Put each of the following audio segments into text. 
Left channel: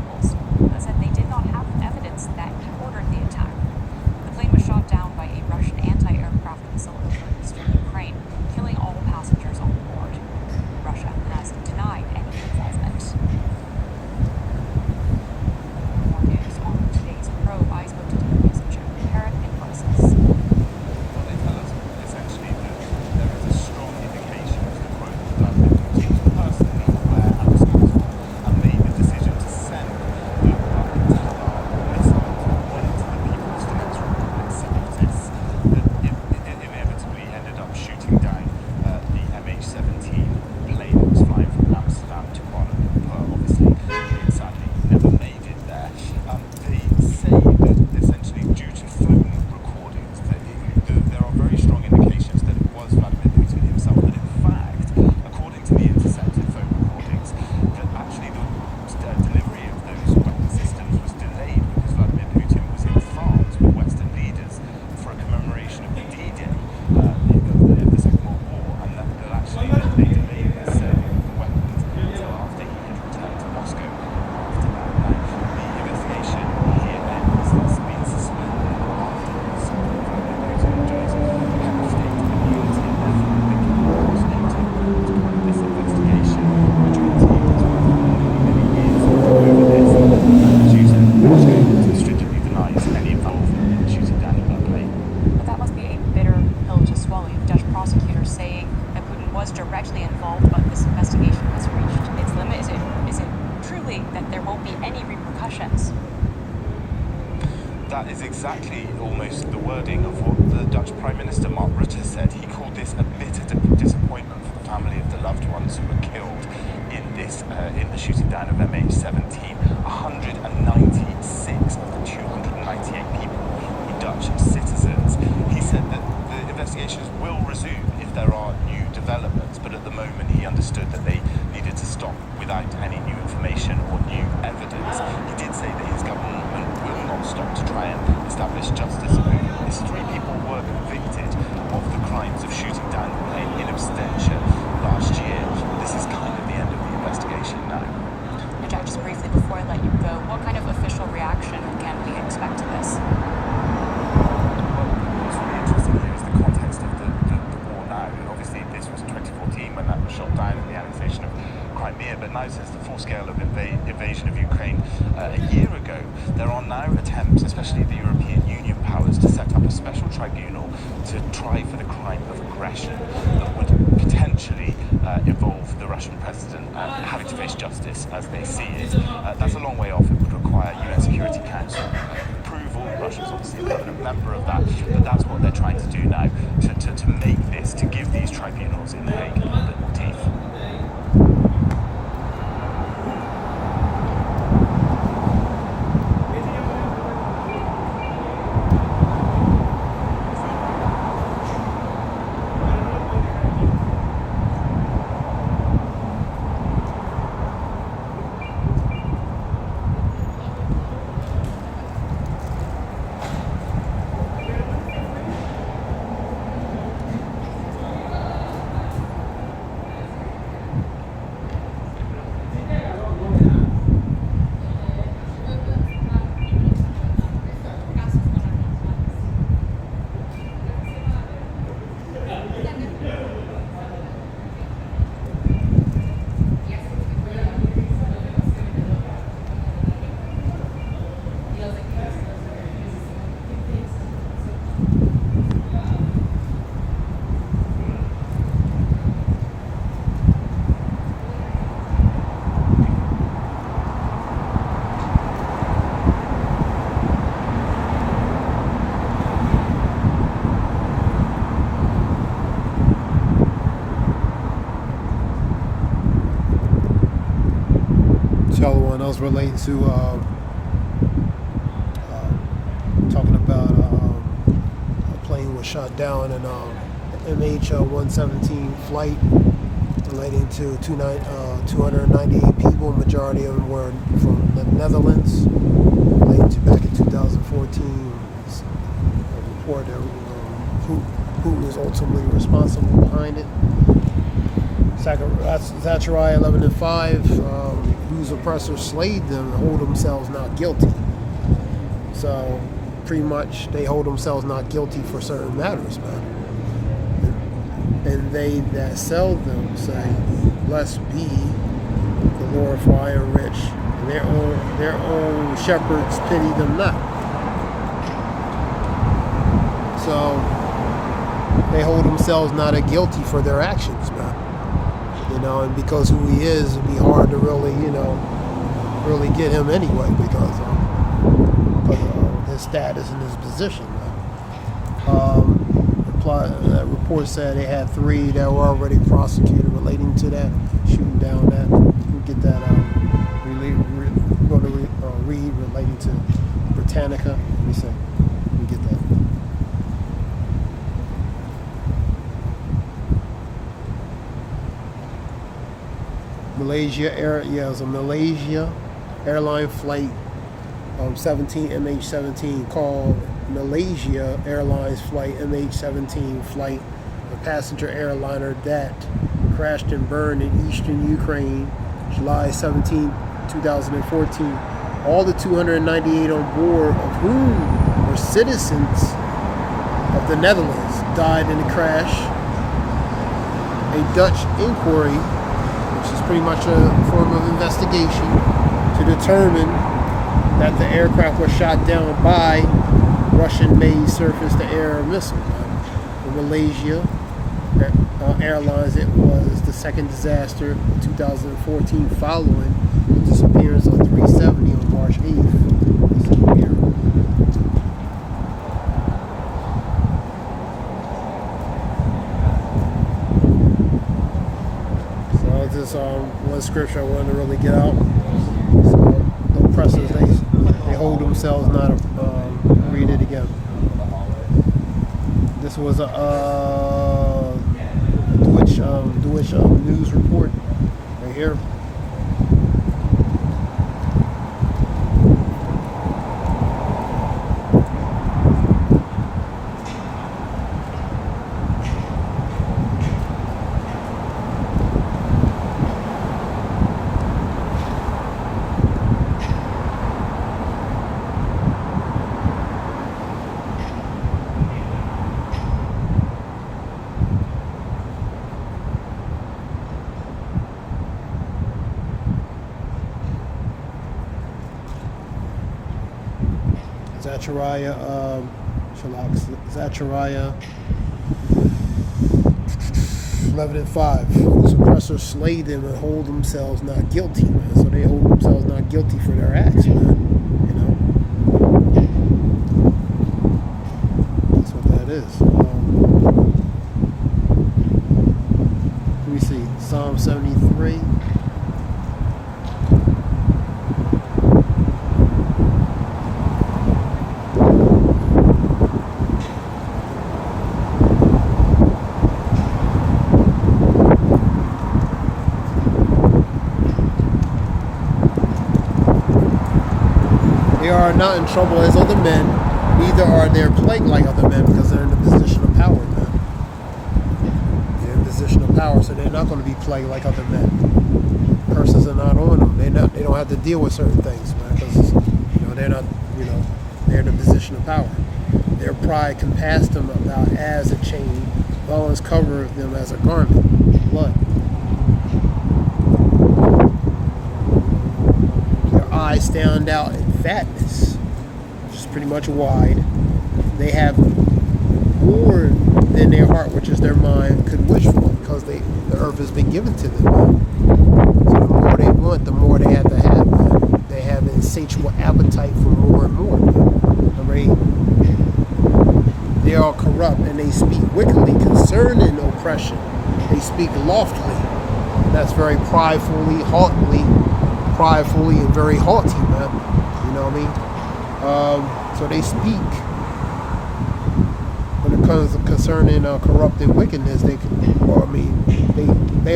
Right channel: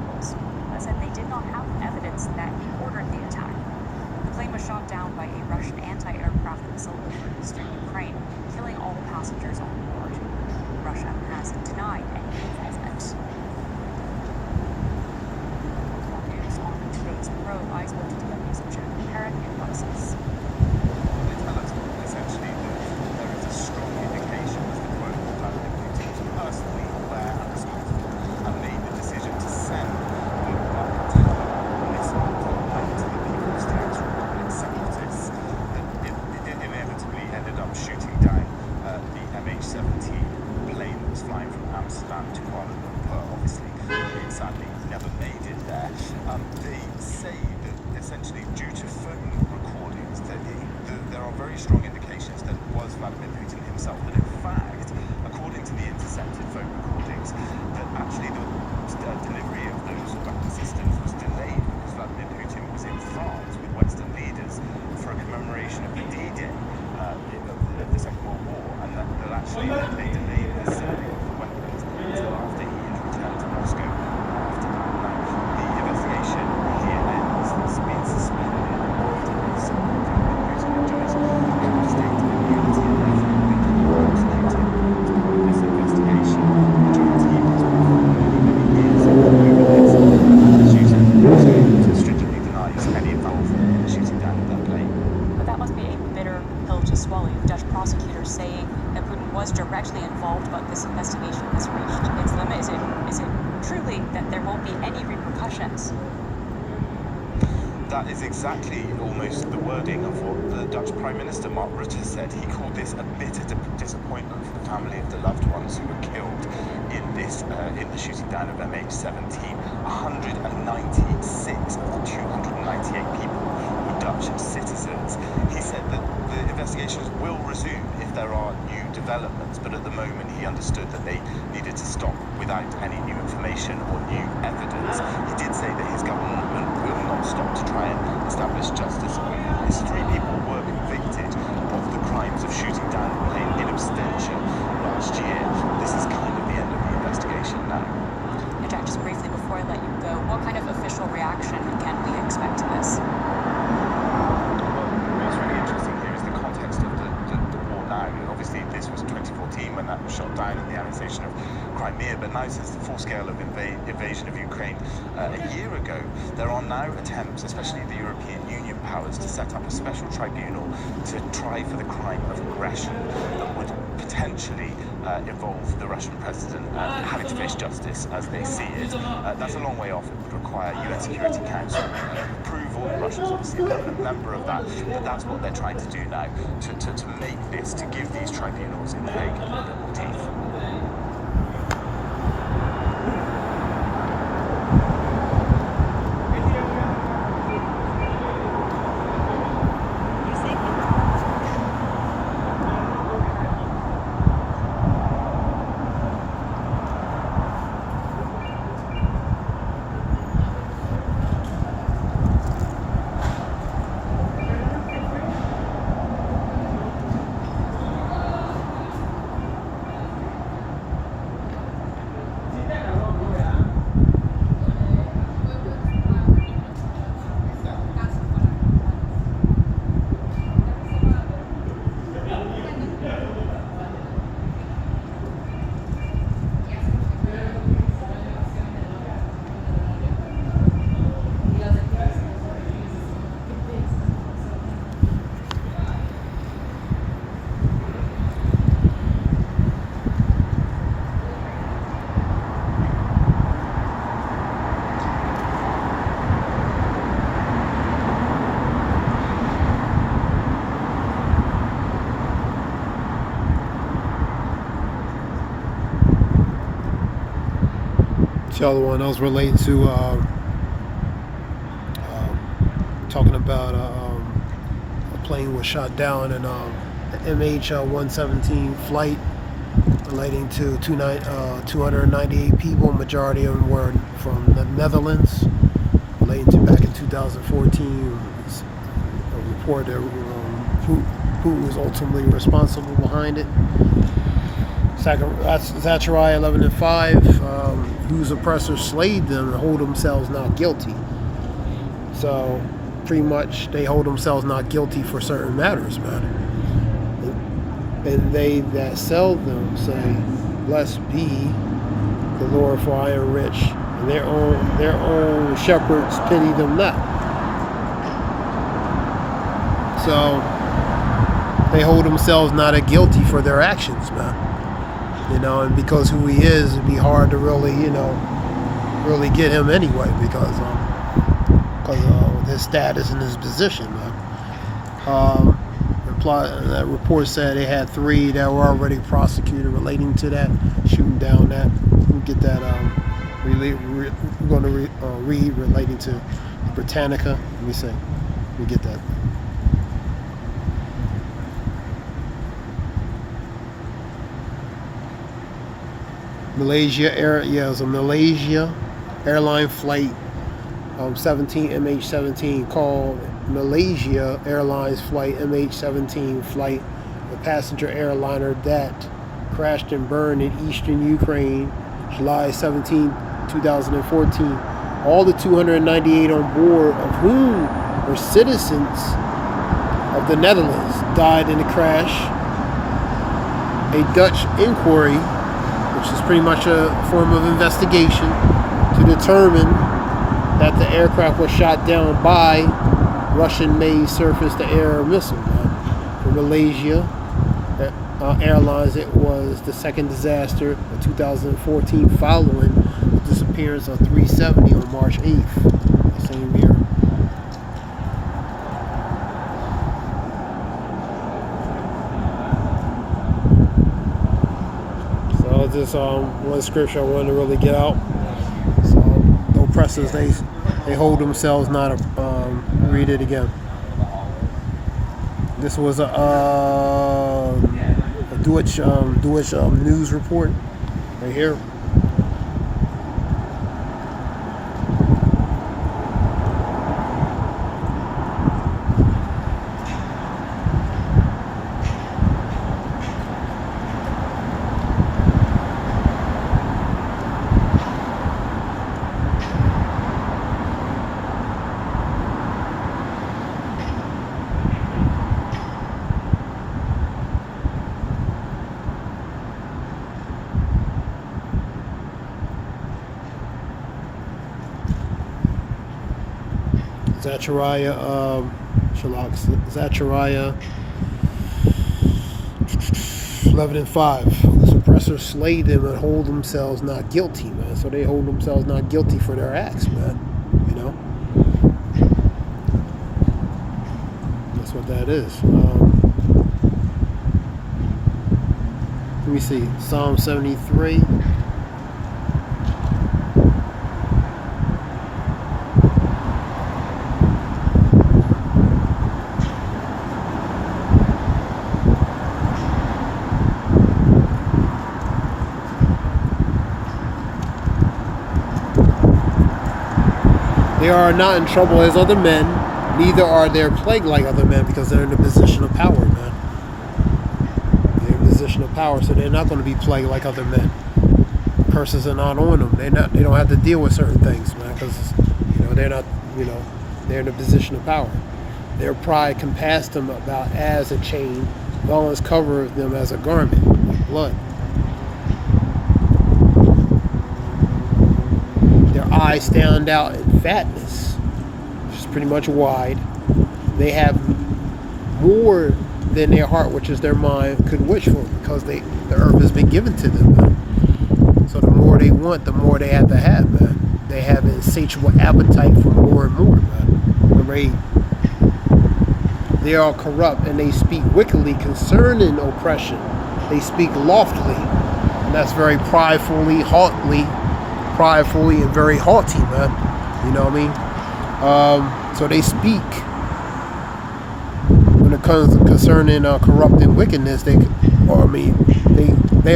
rebels, that said they did not have evidence that he ordered the attack. The plane was shot down by a Russian anti-aircraft missile over eastern Ukraine, killing all passengers on board. Russia has denied any involvement. More news on today's probe. I spoke to DW's Jim Parrott in Brussels. Well, they tell us essentially that there is a strong indication, was the quote, that Putin was personally aware and responsible and made the decision to send the missiles that went to the People's Tax Republic separatists that it inevitably ended up shooting down the MH17 plane that was flying from Amsterdam to Kuala Lumpur. Obviously, it sadly never made it there. They say that essentially due to phone recordings, that there are very strong indications that it was Vladimir Putin himself, that in fact, according to the intercepted phone recordings, that actually the delivery of those weapon systems was delayed because Vladimir Putin was in France with Western leaders for a commemoration of the D-Day of the Second World War, and that actually they delayed the sending of the weapons until after he had returned to Moscow after that. Now, the investigation here ends. It's been suspended after this. Vladimir Putin enjoys state immunity and therefore will be prosecuted as part of this investigation. The joint team has worked for many years over this, and the shooter also stringently denies any involvement in the shooting down of that plane. But that must be a bitter pill to swallow. You have Dutch prosecutors saying that Putin was directly involved, but this investigation has reached its limit. Is it truly that there won't be any repercussions? That is exactly almost the wording of what the Dutch Prime Minister Mark Rutte said. He called this a bitter disappointment for the family of the loved ones who were killed in this in the shooting down of MH17. 196 of the 298 people were Dutch citizens. He said that the investigations will resume if there are new developments, but at the moment he understood that they needed to stop without any new information or new evidence. He did say that his government will not stop to try and establish justice over this. 3 people were convicted of the crimes of shooting down the plane in absentia last year. This is kind of the end of the investigation now. And Jack, just briefly before I let you go, what kind of official reaction can we expect to this? Well, what's really interesting here is the context of the war now. Obviously, this was 2014 when that was shot down and the annexation of Crimea, but now since the full scale of invasion of Ukraine a year ago, there are now attempts, especially the European Union powers, to set up a special tribunal to try for the crime of aggression that would potentially involve the Russian president having to face justice as they see it. That's a long way off. It would require UN Security Council approval. Russia's obviously a permanent member of that, but that's what they're trying to do now, to make this, to give these tribunals in The Hague a little bit more teeth. The other one I was relating to talking about a plane was shot down in MH17 flight relating to 298 people. Majority of them were from the Netherlands. Relating to back in 2014, a report that Putin is ultimately responsible behind it. Zechariah 11:5, whose oppressors slayed them and hold themselves not guilty. So pretty much they hold themselves not guilty for certain matters, man. And they that sell them say, blessed be the Lord, for I am rich, and their own shepherds pity them not. So they hold themselves not guilty for their actions, man. And because who he is, it'd be hard to really, really get him anyway, because of his status and his position, man. That report said they had 3 that were already prosecuted relating to that, shooting down that. We'll get that. We're going to read relating to Britannica. Let me get that. Malaysia it was a Malaysia airline flight 17 MH17 called Malaysia Airlines flight MH17 flight, a passenger airliner that crashed and burned in eastern Ukraine July 17, 2014. All the 298 on board, of whom were citizens of the Netherlands, died in the crash. A Dutch inquiry, which is pretty much a form of investigation to determine that the aircraft was shot down by Russian-made surface-to-air missile. For Malaysia Airlines, it was the second disaster of 2014 following the disappearance of 370 on March 8th. Same year. So this one scripture I wanted to really get out. So the oppressors, they hold themselves not. Read it again. This was a Deutsche news report right here. Zechariah 11:5. The suppressors slay them and hold themselves not guilty, man. So they hold themselves not guilty for their acts, man. That's what that is. Let me see. Psalm 73. They are not in trouble as other men, neither are they plagued like other men, because they're in a position of power, man. They're in a position of power, so they're not going to be plagued like other men. Curses are not on them. They don't have to deal with certain things, man, because they're not, they're in a position of power. Their pride can pass them about as a chain, violence cover them as a garment, blood. Eyes stand out in fatness, which is pretty much wide. They have more than their heart, which is their mind, could wish for, because the earth has been given to them, man. So the more they want, the more they have to have, man. They have an insatiable appetite for more and more, man. They are corrupt and they speak wickedly concerning oppression. They speak loftily, and that's very pridefully and very haughty, man. You know what I mean? So they speak when it comes to concerning corrupt and wickedness. They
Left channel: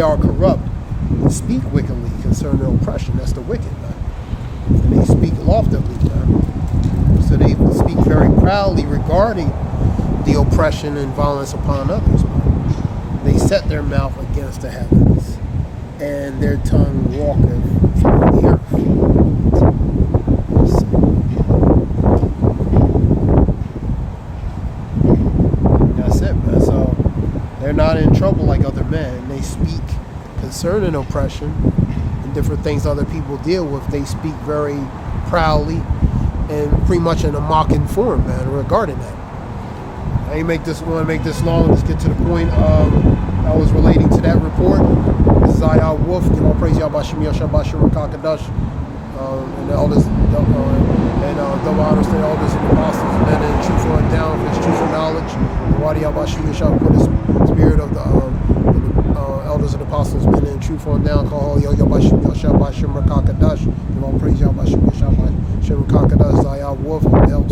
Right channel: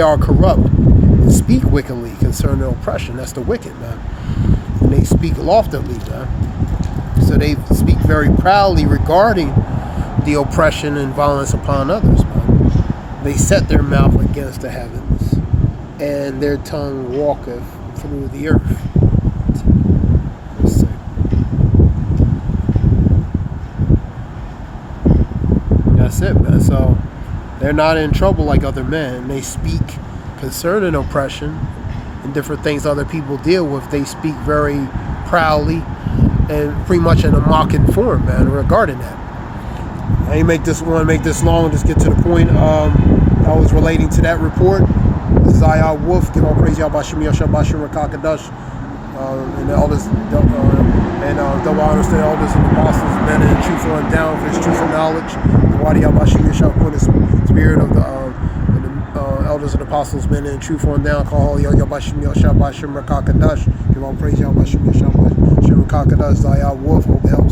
are corrupt and speak wickedly concerning oppression. That's the wicked, man. And they speak loftily, man. So they speak very proudly regarding the oppression and violence upon others, man. They set their mouth against the heavens, and their tongue walketh through the earth. Let's see. That's it, man. So they're not in trouble like other men. They speak concerning oppression and different things other people deal with. They speak very proudly and pretty much in a mocking form, man, regarding that. I ain't want to make this long. Let's get to the point. I was relating to that report. This is Ayah Wolf. Give all praise Yahbashim Yashab Bashim Rakakadash. And the elders, double honors to the elders and the apostles, men and truth on down for his truth and knowledge. The Wadi Yahbashim Yashab put his spirit of the elders and apostles, men and truth on down. Call Yahbashim Yashab Bashim Rakakadash. Give all praise Yahbashim Yashab Bashim Rakakadash. Ayah Wolf. What the hell?